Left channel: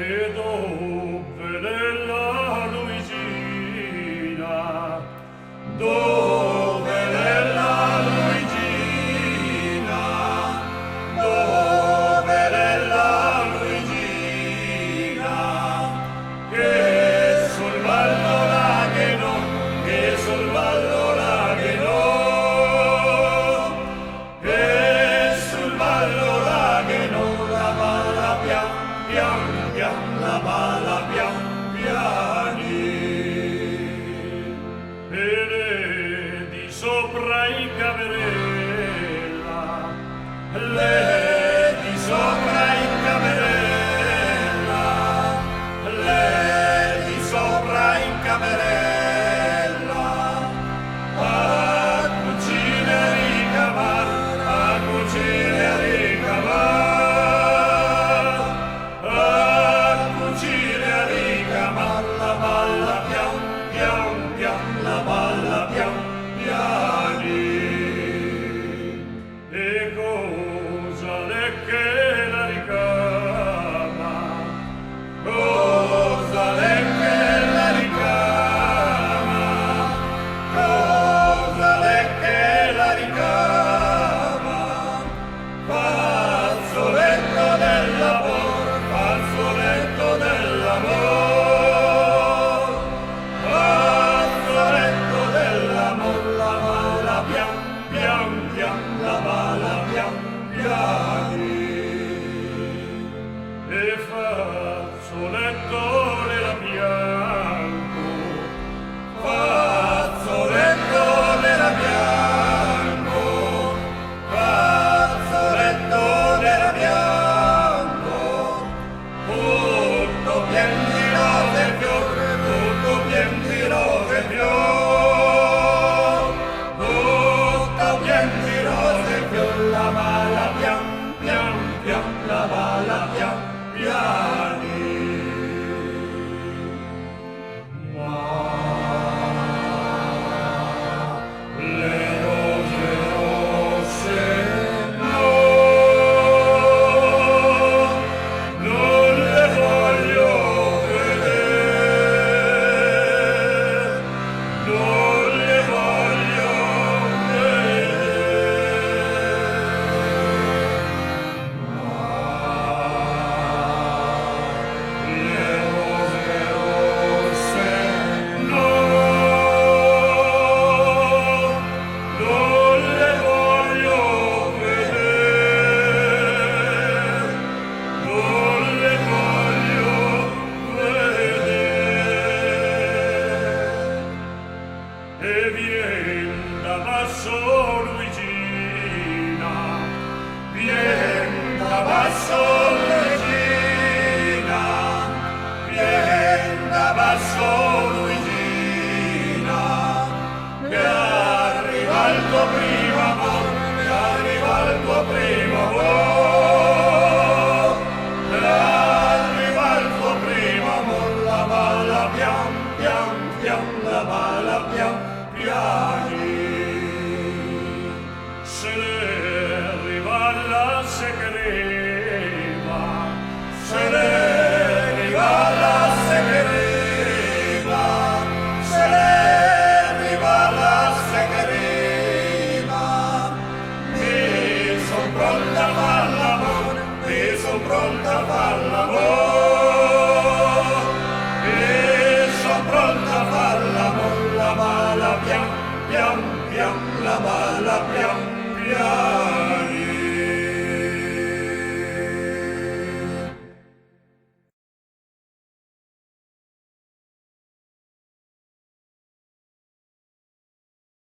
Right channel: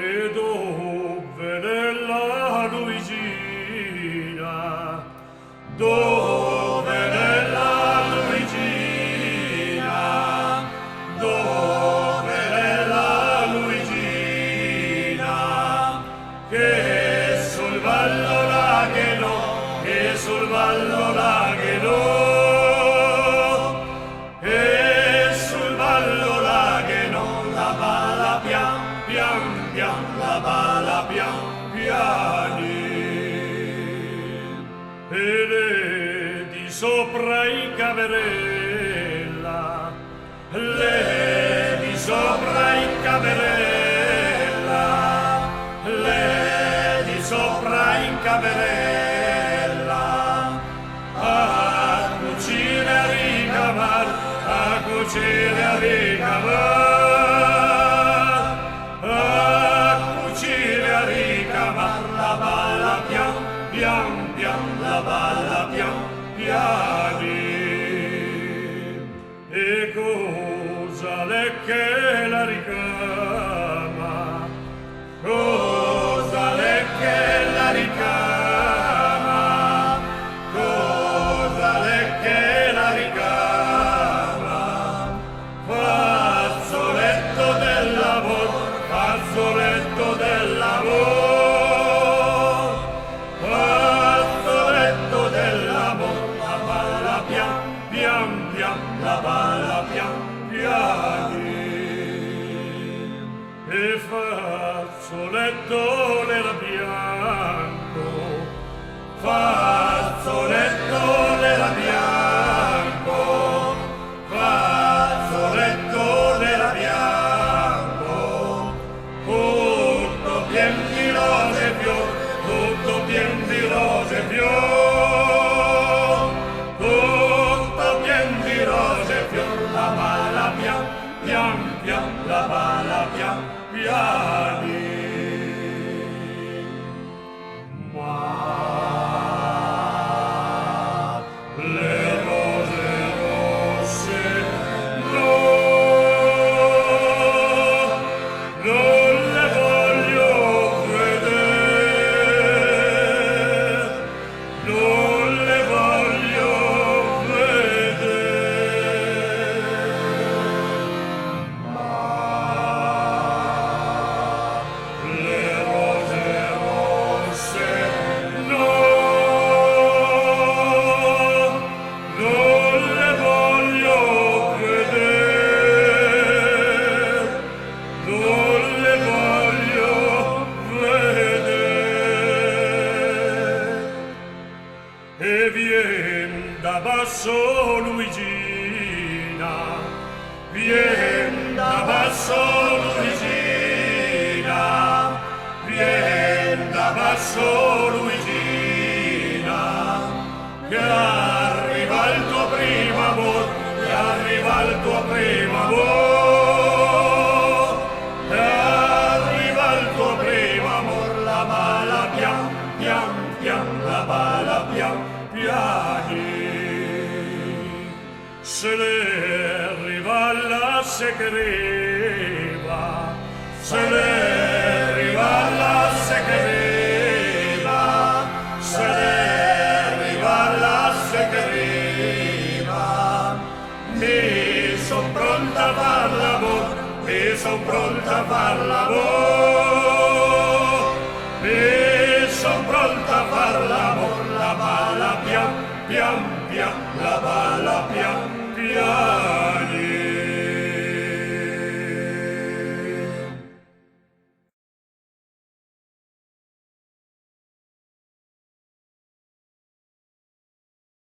E dove nella Luigina, dove nella Luigina, dove nella Luigina, che sul vallo lagheno, che sul vallo lagheno, che sul vallo lagheno, la balla pian pian pian, la balla pian piani. E di sopra i caverella, le di sopra i caverella, le di sopra i caverella, a cucire a ricavar, a cucire a ricavar, a cucire a ricavar, la balla pian pian pian, la balla pian piani. E cosa l'è che la ricama? Cosa l'è che la ricama? Cosa l'è che la ricama? Fazzoletto del lavoro, fazzoletto del lavoro, fazzoletto dell'amor, la balla pian pian pian, la balla pian piani. E fazzoletto nera bianco, fazzoletto nera bianco, fazzoletto nera bianco, tutto pien di rose e fior, tutto pien di rose e fior, tutto pien di rose e fior, la balla pian pian pian, la balla pian piani. Ma le rose rosse no, non le voglio vedere, non le voglio vedere. Le rose rosse no, non le voglio vedere, non le voglio vedere. E vien da basso Luigina, vien da basso Luigina, vien da basso Luigina, che arriva il tuo primo amor, che arriva il tuo primo amor, che arriva il tuo primo amor, la balla pian pian pian, la balla pian piani. Se ne arriva la secreva, se ne arriva la secreva, se ne arriva la secreva, mi son pronta a far l'amor, mi son pronta a far l'amor, mi son pronta a far l'amor, la balla pian pian pian, la balla pian pian.